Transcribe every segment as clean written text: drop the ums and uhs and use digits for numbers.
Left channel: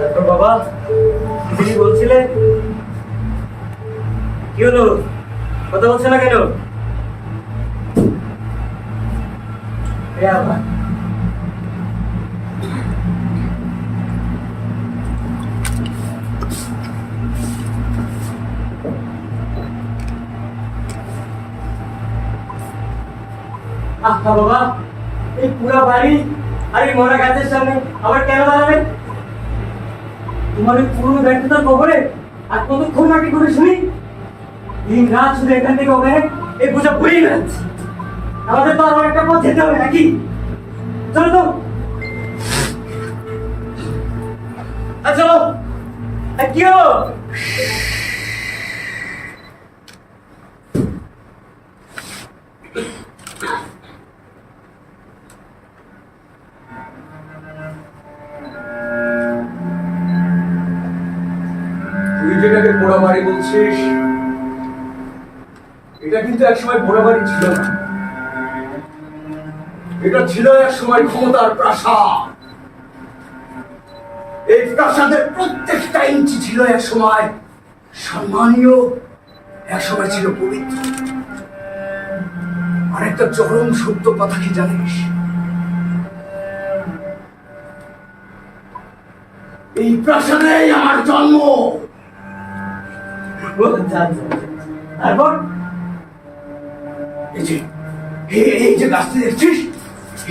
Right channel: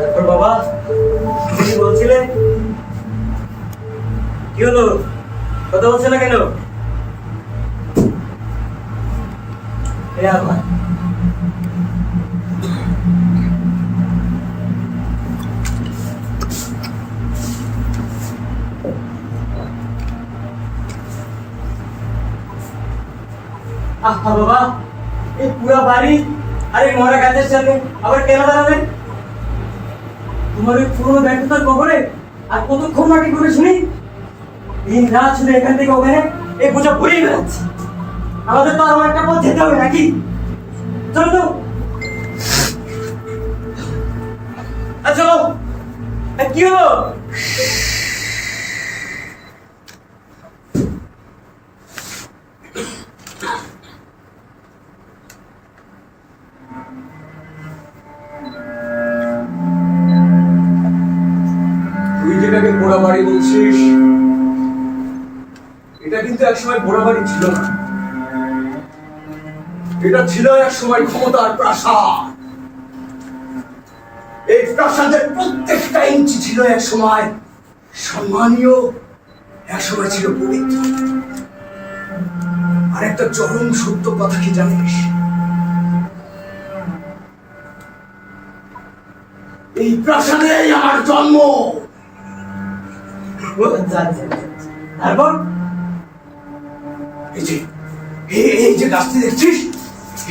তারপর বাবা, তুমি কি বলছিলে? কি হলো, কথা বলছে না কেন? আবার আহা বাবা, এই পুরো বাড়ি আর এই মরা গাছের সামনে আবার কেন দাঁড়াবেন? তোমার ওই পুরোনো ব্যর্থতার কবরে আর কতক্ষণ মাটি করে শুনি? দিন রাত শুধু এখান থেকে ওখানে এই বোঝা ঘুরিয়ে বেড়াচ্ছে। আমাদের তো আরো একটা পথ যেতে হবে নাকি? চলো তো, চলো। কি হলো? তুই যেটাকে পোড়া বাড়ি বলছিস, এটা কিন্তু একসময় পোড়া বাড়ি ছিল না। এটা ছিল একসময় ক্ষমতার প্রাসাদ। এই প্রাসাদের প্রত্যেকটা ইঞ্চি ছিল একসময় সম্মানীয়, একসময় ছিল পবিত্র। আর একটা চরম সত্য কথা কি জানিস? এই প্রাসাদেই আমার জন্ম। তারপর এই যে গাছটি দেখছিস,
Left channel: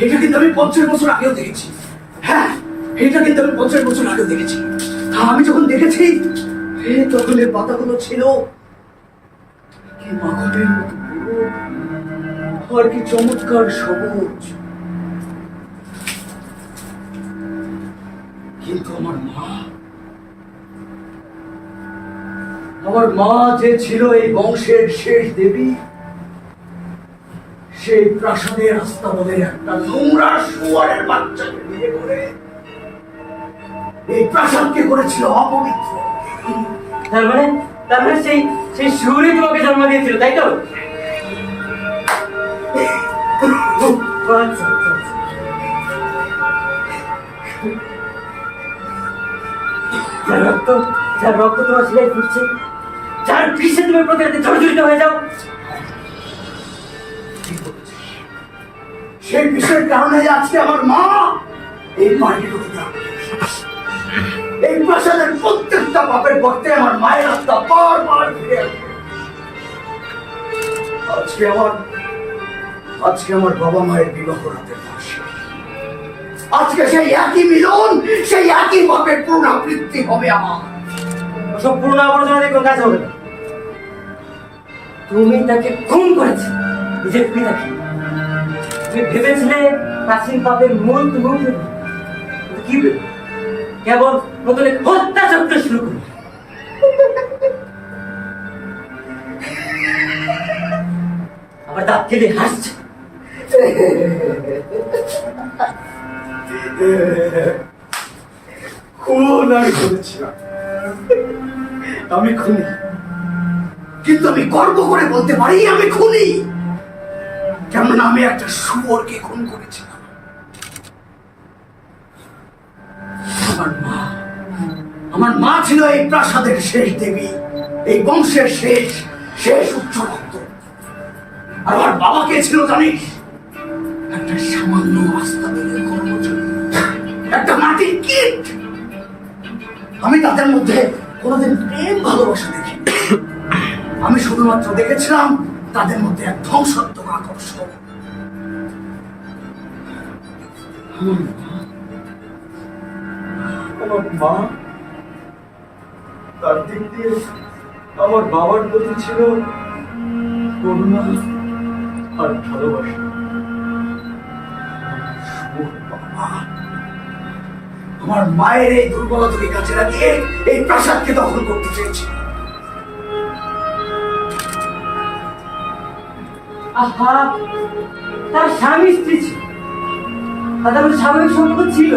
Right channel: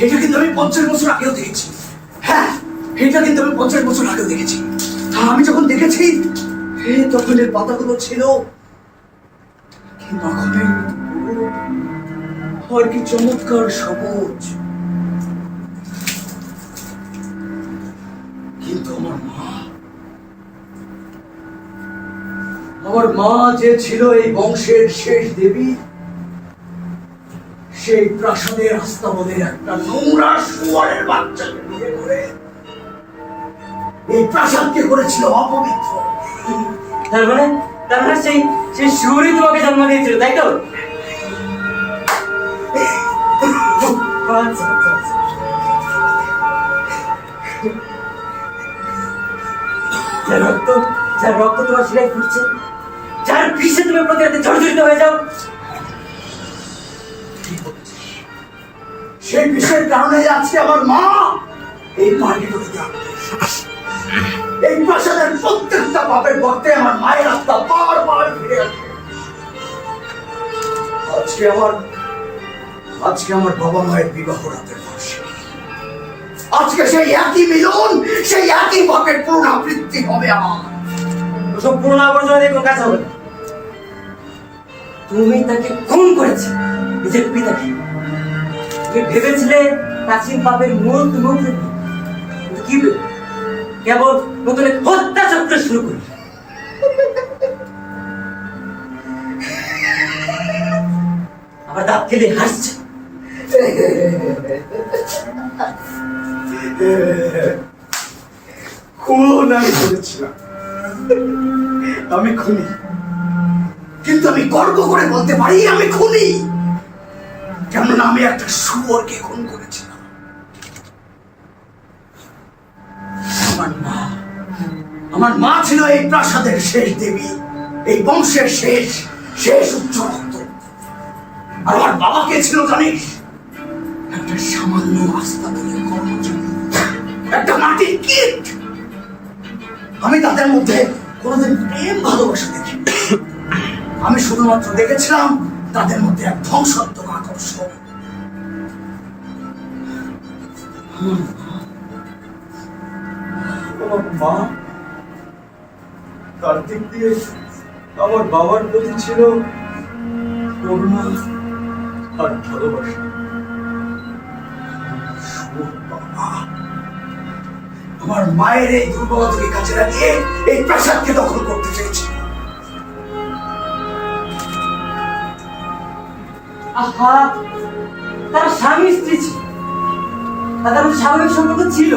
এটা কিন্তু আমি 50 বছর আগেও দেখেছি। হ্যাঁ, এটা কিন্তু আমি 50 বছর আগেও দেখেছি। আমি যখন দেখেছি তখন এর পাতাগুলো ছিল কি মাখনের মতো পুরো, আর কি চমৎকার সবুজ। কিন্তু আমার মা যে ছিল এই বংশের শেষ দেবী, সেই প্রাসাদের আস্তাবলের একটা নোংরা শুয়োরের বাচ্চাকে বিয়ে করে এই প্রাসাদকে করেছিল অপবিত্র। তার মানে সেই সেই শুয়োরই তোমাকে জন্ম দিয়েছিল, তাই তো? আচ্ছা, আচ্ছা, আচ্ছা। যার রক্ত তোমার শিরায় ফুটছে, যার বিষে তুমি প্রতি রাতে জর্জরিত হয়ে যাও, সেই বিষয়ের কারণে আজকে আমার মা এই পার্টিটা, এই প্রাসাদের প্রত্যেকটা পাপের ভক্তে আমার মায়ের আত্মা বারবার ফিরে আসে। আজকে আমার বাবা মায়ের বিবাহ রাতের বর্ষে, আজকে সেই একই মিলন, সেই একই পাপের পুনরাবৃত্তি হবে আমার। ওসব পুনরাবর্তনের কোনো কাজ হবে না। তুমি তাকে খুন করেছ, নিজের পিতাকে। তুমি ভেবেছিলে প্রাচীন পাপের মূল তুমি কি কেবল নতুন হত্যা চক্র শুরু করলে। আবার দাঁত কেটে হাসছে। খুন আমি করেছিলাম, আমি খুনি। কিন্তু আমি গর্ব করে বলতে পারি আমি খুনি, কেননা আমি একটা শুয়োরকে খুন করেছিলাম। আমার মা ছিল এই প্রাসাদের শেষ দেবী, এই বংশের শেষ উচ্চ রক্ত। আর আমার বাবা কে ছিল জানিস? একটা সামান্য আস্তাবলের কর্মচারী, একটা মাটির কীট। আমি তাদের মধ্যে কোনোদিন প্রেম ভালোবাসা দেখি। আমি শুধুমাত্র দেখেছিলাম তাদের মধ্যে এক ধ্বংসাত্মক আকর্ষণ। আমার মা তার দিক দিয়ে আমার বাবার প্রতি ছিল করুণা আর ভালোবাসা। আমার মায়ের এই দুর্বলতাকে কাজে লাগিয়ে এই প্রাসাদকে দখল করতে চেয়েছিল। আহা, তার স্বামী স্ত্রী ছিল, তাদের মধ্যে স্বাভাবিক সম্পর্ক ছিল।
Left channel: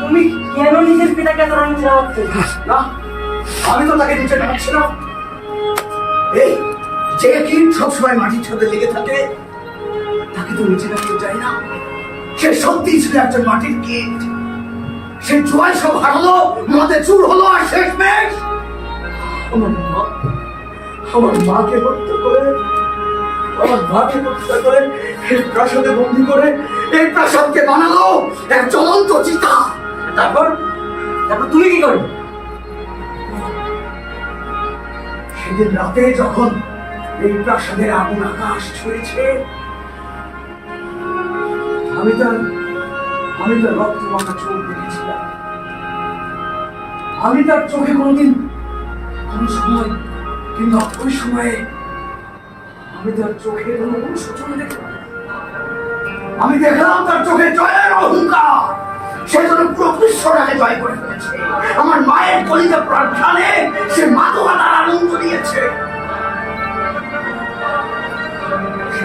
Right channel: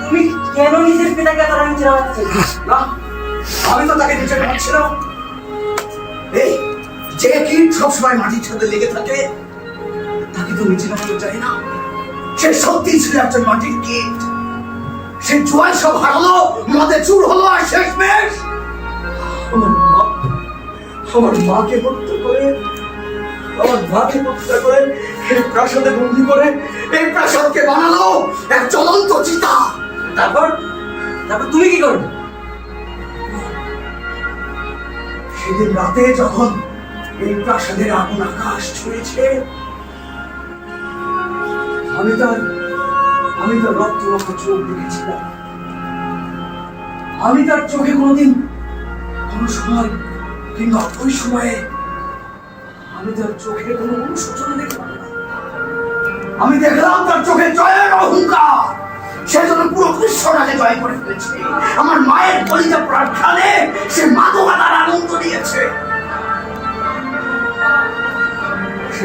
তুমি কেন নিজের পিতাকে এত নিচে নামাচ্ছ? না, আমি তো তাকে নিচে নামাচ্ছি না। এই যে কীট সবসময় মাটির সাথে লেগে থাকে, তাকে তো নিচে নামাতে চাই না। সে সত্যি ছিল একজন মাটির কীট। সে জোয়ার সব হারালো, মদে চুর হলো, আর শেষমেশ আমার মাকে হত্যা করে, এই প্রাসাদে বন্দি করে এই প্রাসাদকে বানালো এক জ্বলন্ত চিতা। তারপর তুমি কি করবে? সেদিন রাতে যখন এই প্রাসাদের আগুন আকাশ ছুঁয়েছে, আমি তার রক্ত মাখা চোখ দেখেছিলাম। আমি তার চোখে কোনোদিন কোনো সময় কিংবা ওই সময়ে আমি তার চোখে কোনো অনুশোচন দেখলাম না। আমি দেখলাম তার চোখে জয়ের অহংকার। সে যেন পুরো বিশ্বটাকে জয় করে ফেলেছে। আমার মায়ের কলিজা পোড়ার খেয়ালে সে মাদকাতার আগুন জ্বলিয়েছে। সে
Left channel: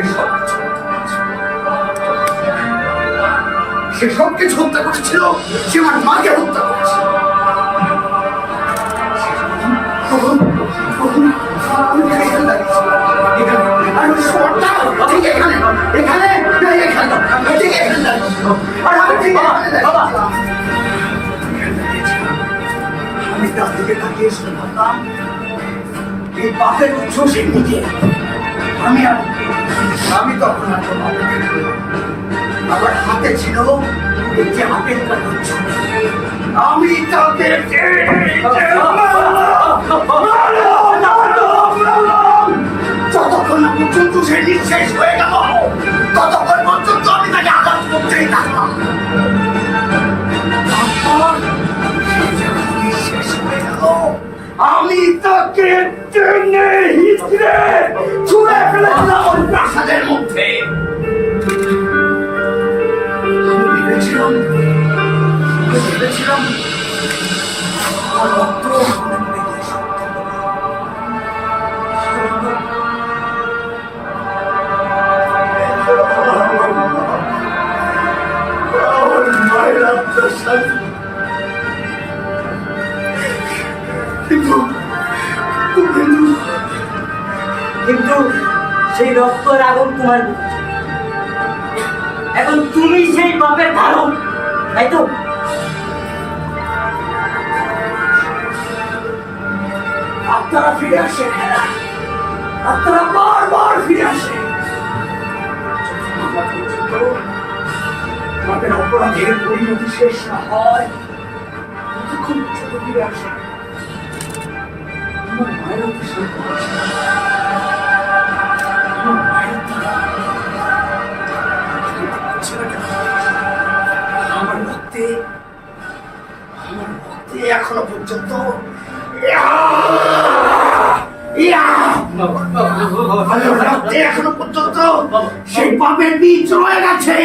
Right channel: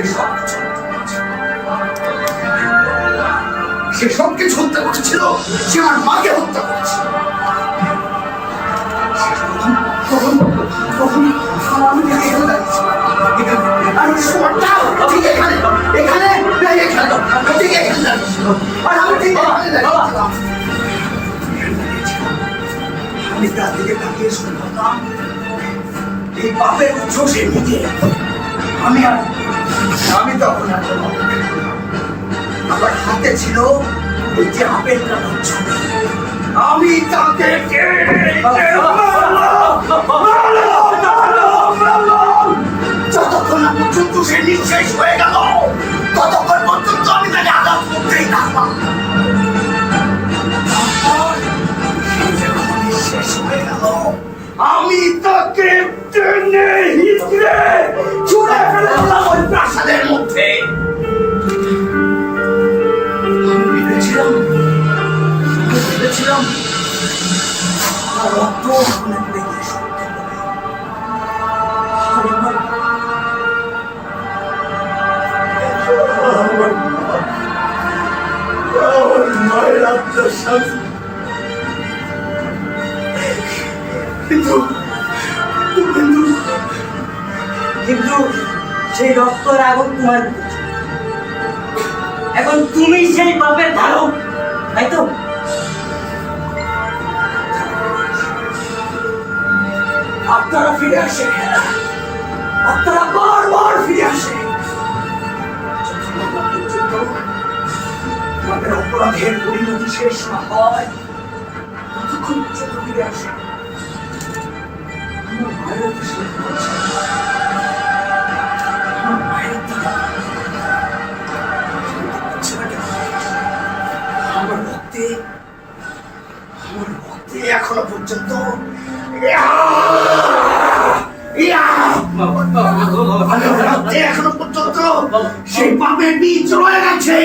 সব কিছু হত্যা করেছিল। সে আমার মাকে হত্যা করেছিল। আমি এখানে দাঁড়িয়েছিলাম, আর ওই শহরটা ঠিক এখানে ঠিক এখানে দাঁড়িয়েছিল। আর আমি ঠিক এখানে দাঁড়িয়েছিলাম। আমি তার দিকে তাকিয়ে শুনে ভাবলাম, এই পাপের উৎস সে নিজে। আমি তখন আর কোনো আমার হাতে ছিল এই যে আপেল কাটার ছবি। আমি তাকে যতক্ষণ না পর্যন্ত সে নিঃশেষ হয়ে গেল, ততক্ষণ পর্যন্ত আমি তাকে আঘাত করতেই থাকলাম। নিঃশেষ হয়ে গেল, আমি তাকে টেনে হিচড়ে ছুঁড়ে ফেলেছিলাম ওই প্রাসাদের মধ্যে। আমি ভেবেছিলাম আর রক্ত মনে পড়ে গিয়ে সত্য বলে। আমার মায়ের আত্মার শান্তি। কিন্তু সেই রক্তর আগুন তোমার ভিতরে। এখন তুমি সেই পাপের ধারক, তাই তো? আত্মারা ফিরে আসে, আত্মারা বারবার ফিরে আসে। আমাদের অপরাধের পরিণতি শেষ না হয় ততক্ষণ পর্যন্ত ফিরে আসে। আমার মায়ের আমার রক্তে এখনো পর্যন্ত সেই পাপের বীজ রয়ে গেছে।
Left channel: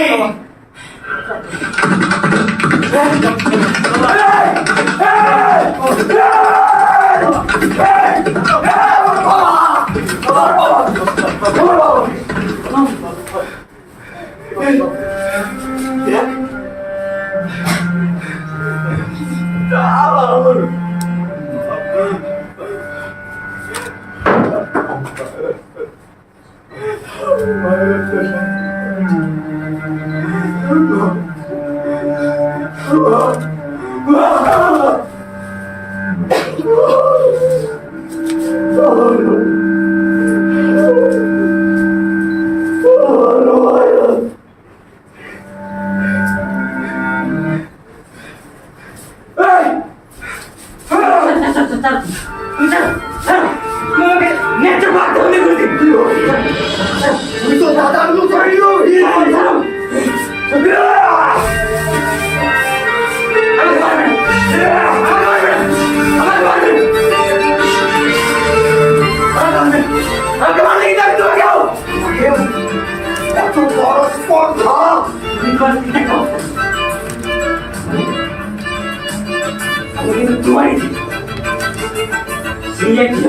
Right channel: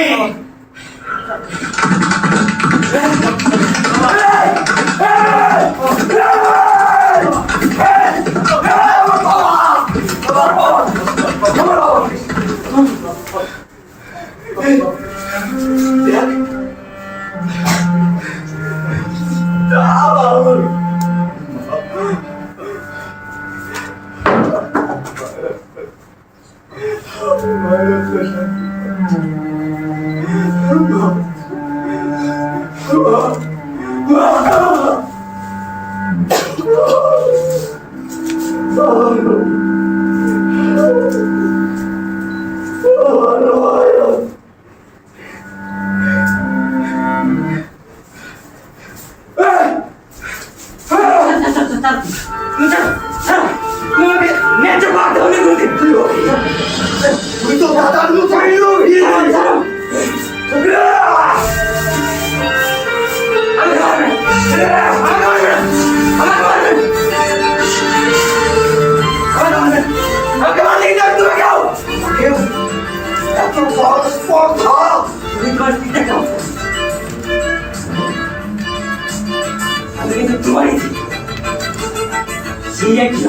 তুই তো দাদার মতোই লোভী। এত বড় স্পর্ধা! আমি কিন্তু তোমারই সেই একই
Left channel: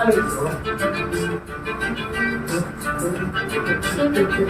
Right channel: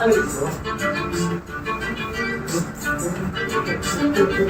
আমি দেখি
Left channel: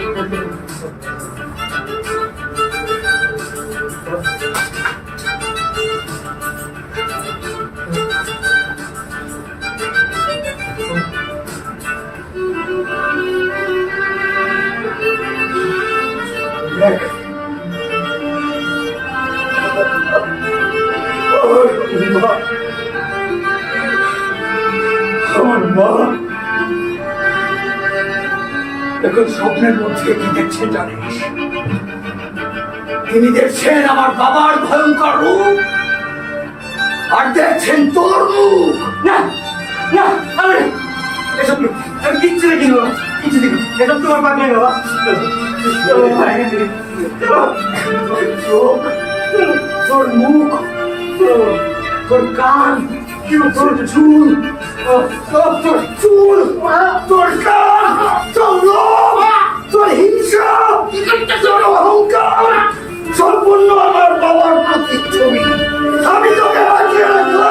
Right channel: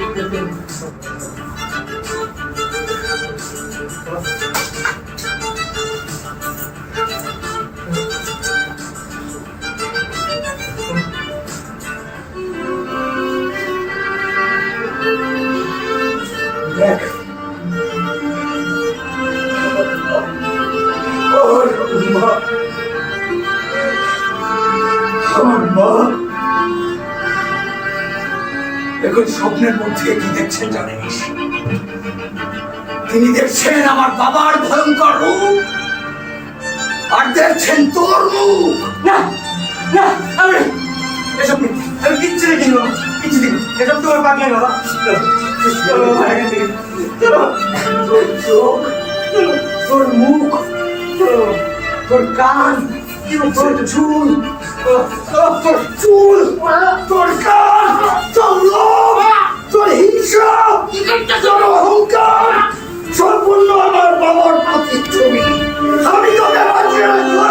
এখন স্বপ্নের মধ্যে কি দেখছেন জানিস? তিনি দেখছেন আমার বাবার ভয়ঙ্কর রূপ, আর দেখছেন তোর মুখ। না না, আমি এসব আমি কিচ্ছু দেখিনি বাবা, কিচ্ছু দেখিনি। এসব তোমার পাগলামি বাবা। চলো বাবা, এখান থেকে চলো। তোর চোখ, তোর মুখ, তোর কান, তোর চুল, তোর চুল, তোর কান, তোর লোভ, তোর হিংসা, তোর অহংকার সম্পূর্ণ আমার বাবার প্রতিচ্ছবি। আমি তোকে বাঁচিয়ে রাখবো।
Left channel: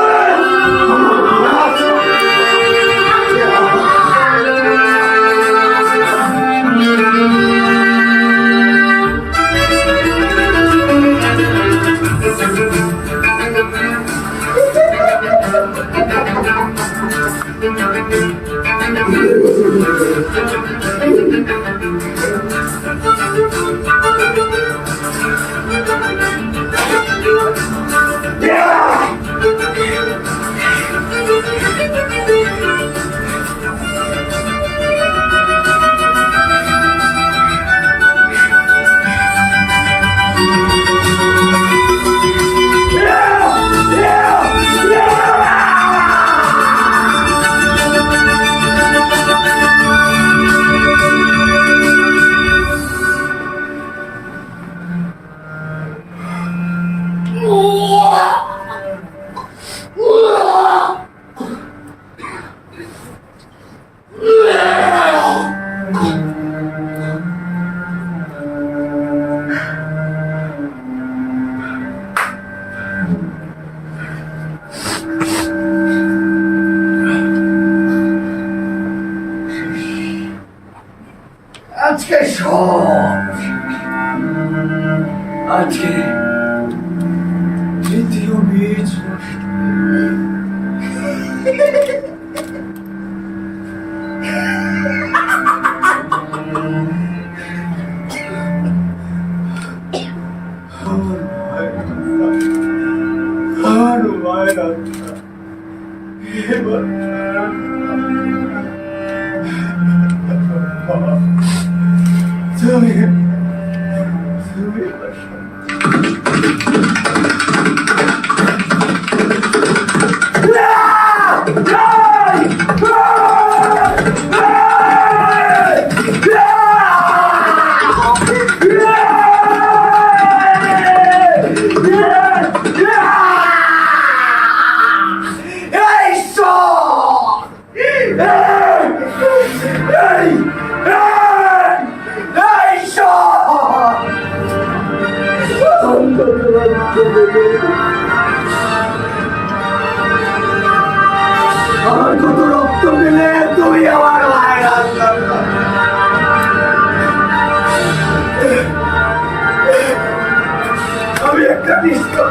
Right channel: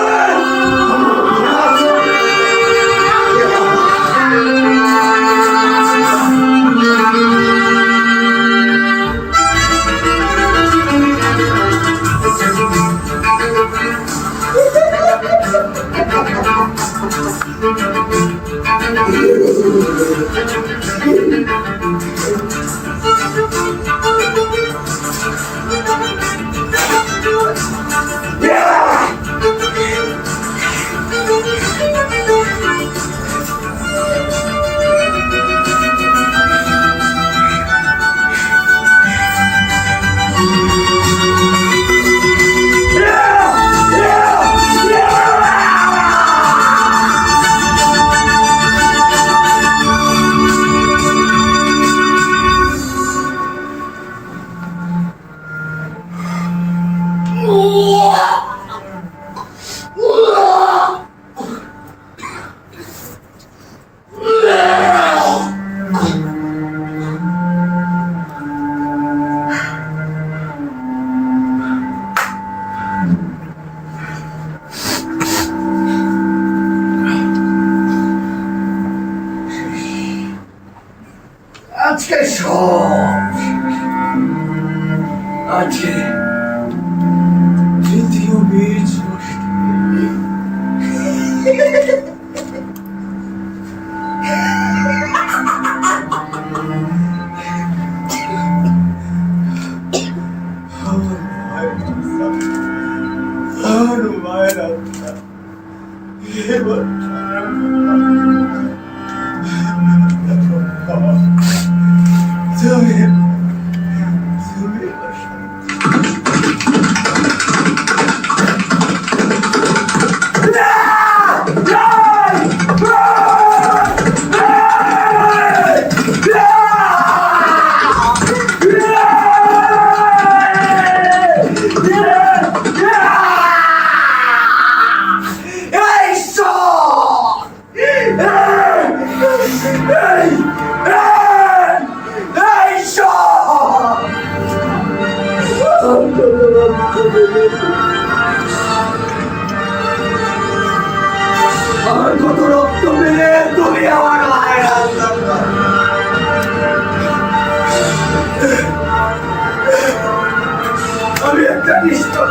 আজকে সব আজকে তৃতীয় বীজ নষ্ট। আমার মায়ের আত্মা এবার তুমি আমার কত রক্ত পেলে তুমি আমার মায়ের আত্মা। আমি একটা নিষ্ঠুর